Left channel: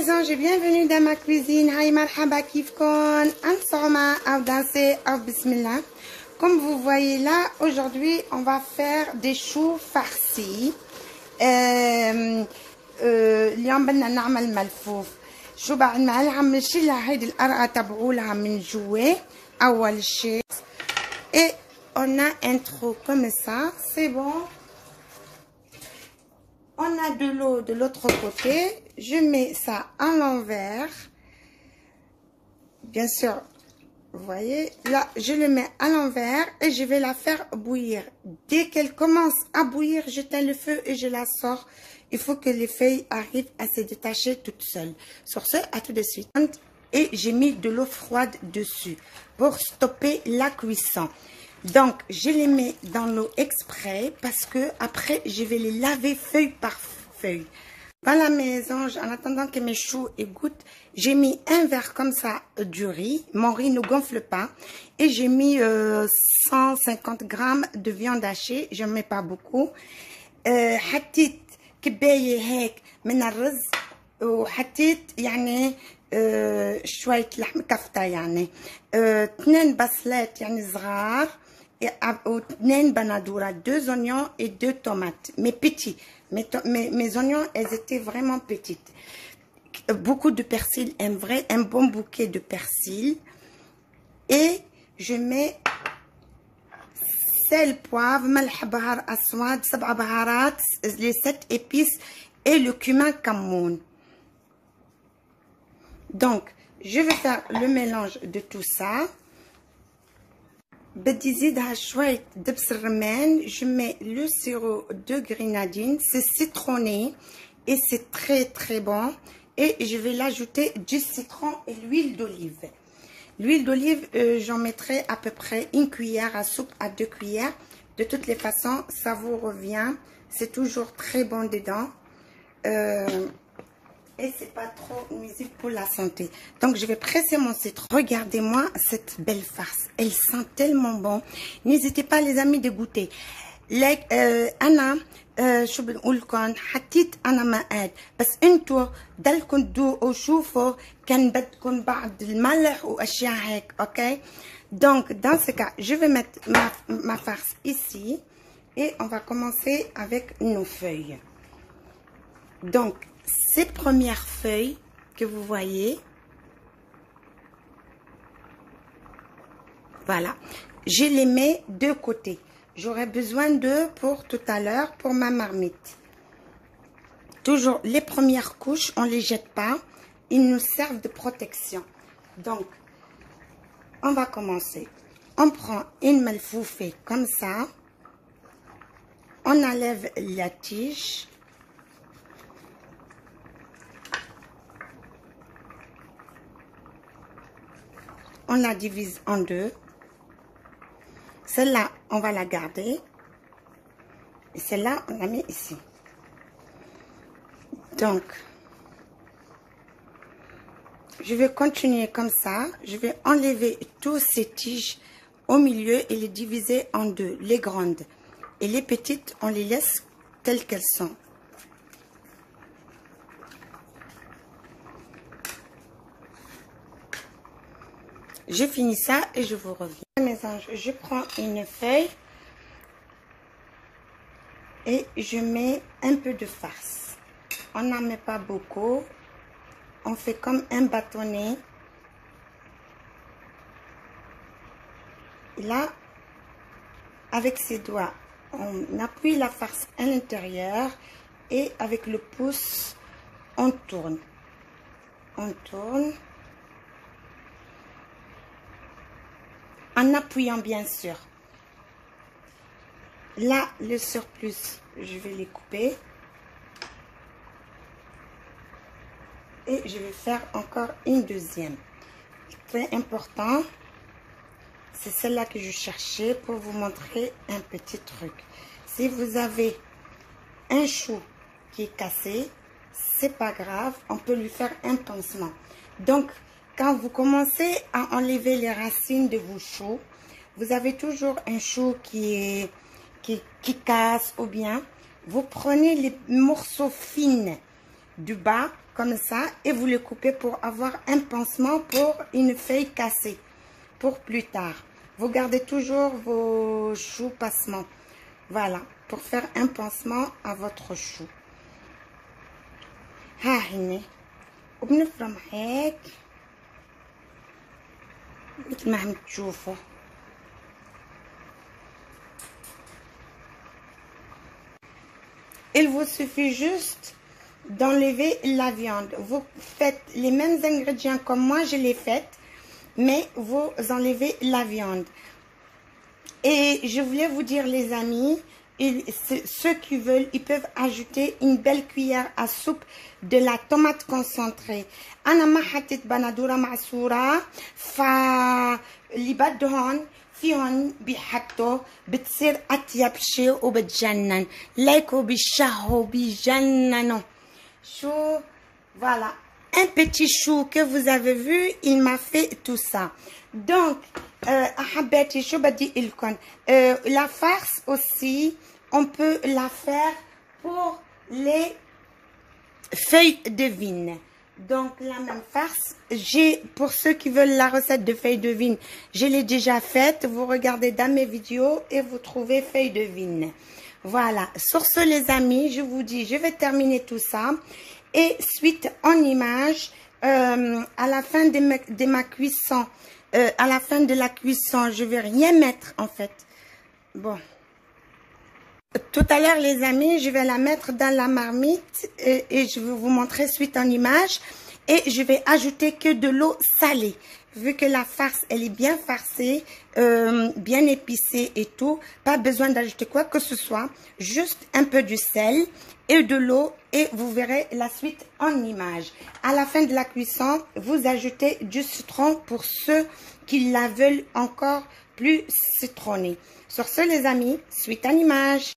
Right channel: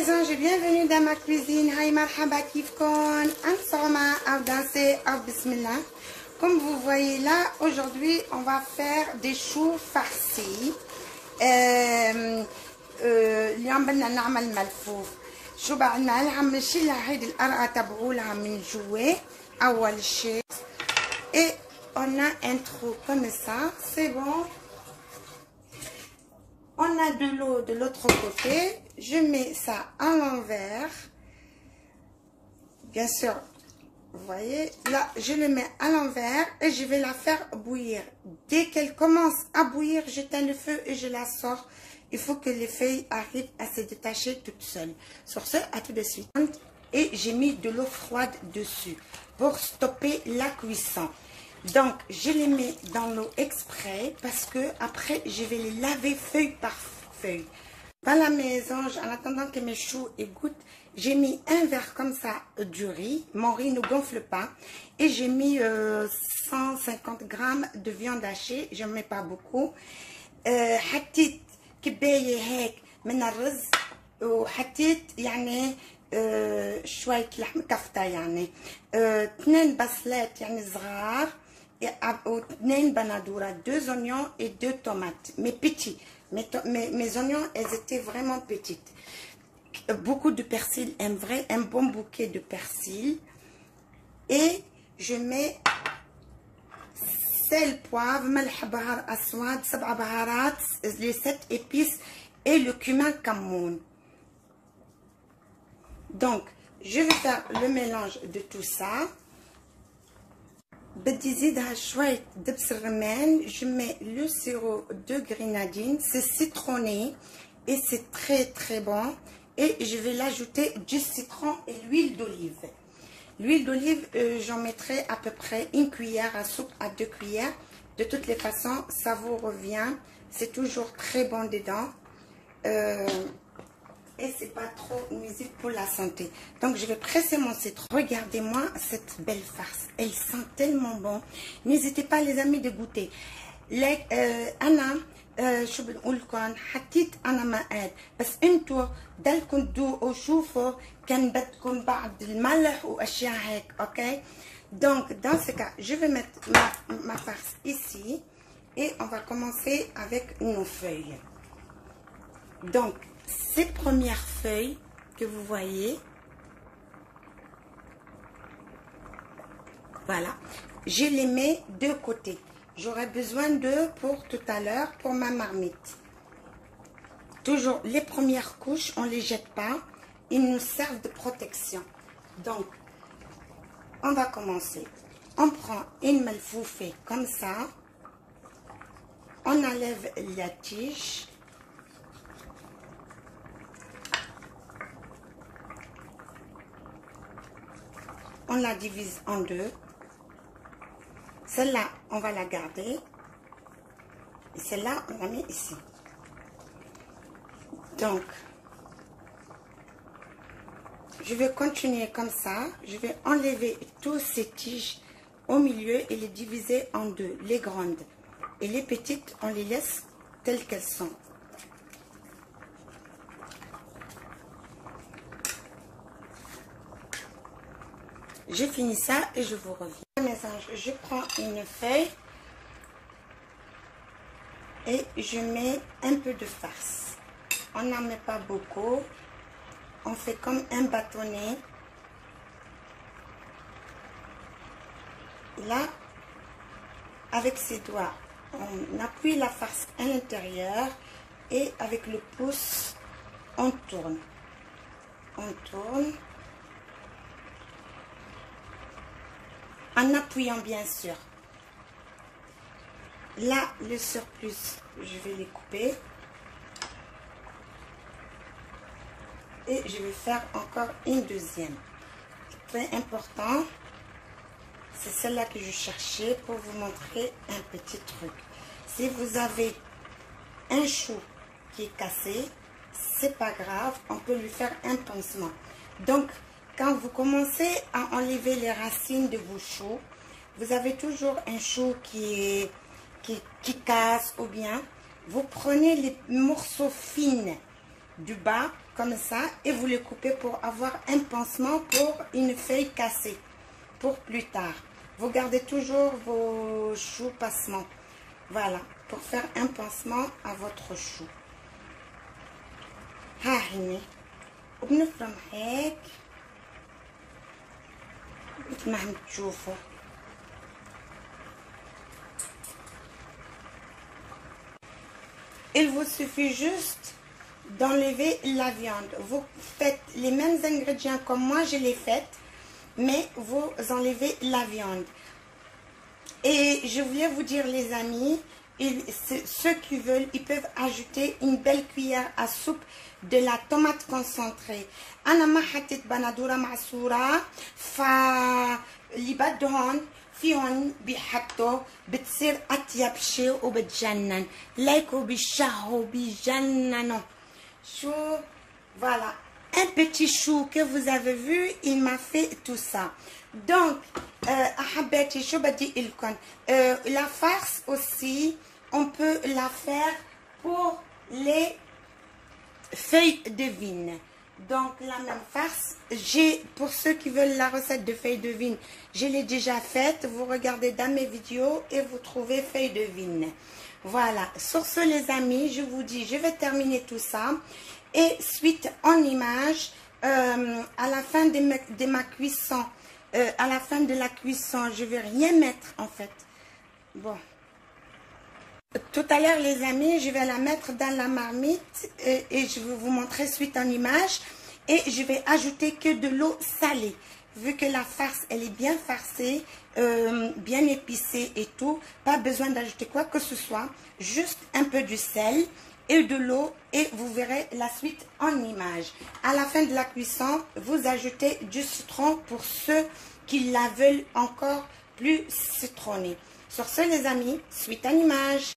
mes anges, bienvenue dans ma cuisine. Hi marhaba kifkon, ansama au danser au bismillah. Comme vous voyez là, aujourd'hui on va faire des choux farcis. اليوم بدنا نعمل ملفوف. شو بعد ما عم نشيل هيدي القرعة تبعولها من جوا أول شيء. Et on a un trou comme ça, c'est bon. On a de l'eau de l'autre côté. Je mets ça à l'envers. Bien sûr, vous voyez, là, je le mets à l'envers et je vais la faire bouillir. Dès qu'elle commence à bouillir, j'éteins le feu et je la sors. Il faut que les feuilles arrivent à se détacher toutes seules. Sur ce, à tout de suite. Et j'ai mis de l'eau froide dessus pour stopper la cuisson. Donc, je les mets dans l'eau exprès parce que après, je vais les laver feuille par feuille. Voilà mes anges, en attendant que mes choux égouttent, j'ai mis un verre comme ça du riz. Mon riz ne gonfle pas. Et j'ai mis 150 grammes de viande hachée. Je ne mets pas beaucoup. حطيت كباية هيك من الرز وحطيت يعني شوية لحم كفتة يعني 2 بصلات يعني صغار و2 بندورة 2 oignons et 2 tomates mais petits. Mes oignons, elles étaient vraiment petites. Beaucoup de persil, un bon bouquet de persil. Et je mets sel, poivre, ملح بهار أسود, 7 بهارات, les 7 épices et le cumin camoun. Donc, je vais faire le mélange de tout ça. بدي زيدها شوية دبس الرمان. Je mets le sirop de grenadine, c'est citronné et c'est très bon. Et je vais l'ajouter du citron et l'huile d'olive. L'huile d'olive, j'en mettrai à peu près 1 cuillère à soupe à 2 cuillères. De toutes les façons, ça vous revient. C'est toujours très bon dedans. Et c'est pas trop nuisible pour la santé. Donc je vais presser mon citron. Regardez-moi cette belle farce. Elle sent tellement bon. N'hésitez pas les amis de goûter. انا شو بنقول لكم حطيت انا مقاد بس انتوا ضلكم تذوقوا وشوفوا كان بدكم بعض الملح واشياء هيك. اوكي donc dans ce cas je vais mettre ma farce ici et on va commencer avec nos feuilles. Donc ces premières feuilles que vous voyez, voilà, je les mets de côté. J'aurai besoin d'eux pour tout à l'heure pour ma marmite. Toujours les premières couches, on ne les jette pas, ils nous servent de protection. Donc on va commencer. On prend une malfoufée comme ça, on enlève la tige. On la divise en deux. Celle-là, on va la garder. Et celle-là, on la met ici. Donc, je vais continuer comme ça. Je vais enlever tous ces tiges au milieu et les diviser en deux. Les grandes. Et les petites, on les laisse telles qu'elles sont. J'ai fini ça et je vous reviens. Mes anges, je prends une feuille et je mets un peu de farce. On n'en met pas beaucoup. On fait comme un bâtonnet. Et là, avec ses doigts, on appuie la farce à l'intérieur et avec le pouce, on tourne. On tourne. En appuyant bien sûr. Là, le surplus, je vais les couper. Et je vais faire encore une deuxième. Très important. C'est celle-là que je cherchais pour vous montrer un petit truc. Si vous avez un chou qui est cassé, c'est pas grave. On peut lui faire un pansement. Donc, quand vous commencez à enlever les racines de vos choux, vous avez toujours un chou qui casse ou bien, vous prenez les morceaux fins du bas, comme ça, et vous le coupez pour avoir un pansement pour une feuille cassée, pour plus tard. Vous gardez toujours vos choux passements. Voilà, pour faire un pansement à votre chou. ها هنا وبنفرم هيك مثل ما عم تشوفوا. Il vous suffit juste d'enlever la viande. Vous faites les mêmes ingrédients comme moi je l'ai fait, mais vous enlevez la viande. Et je voulais vous dire les amis, ceux qui veulent, ils peuvent ajouter une belle cuillère à soupe de la tomate concentrée. أنا ما حطيت بندورة معصورة فاللي بدهم فيهم بيحطوا بتصير أطيب شيء وبتجنن لايكوا بيشهوا بيجننوا. شو voilà un petit chou que vous avez vu, il m'a fait tout ça. Donc أحبتي شو بدي لكم la farce aussi on peut la faire pour les feuilles de vigne. Donc la même farce, pour ceux qui veulent la recette de feuilles de vigne, je l'ai déjà faite. Vous regardez dans mes vidéos et vous trouvez feuilles de vigne. Voilà, sur ce les amis, je vous dis, je vais terminer tout ça. Et suite en image, à la fin de ma cuisson, à la fin de la cuisson, je vais rien mettre en fait. Bon. Tout à l'heure les amis, je vais la mettre dans la marmite et je vais vous montrer suite en image. Et je vais ajouter que de l'eau salée. Vu que la farce, elle est bien farcée, bien épicée et tout. Pas besoin d'ajouter quoi que ce soit. Juste un peu du sel et de l'eau. Et vous verrez la suite en image. À la fin de la cuisson, vous ajoutez du citron pour ceux qui la veulent encore plus citronnée. Sur ce les amis, suite en image.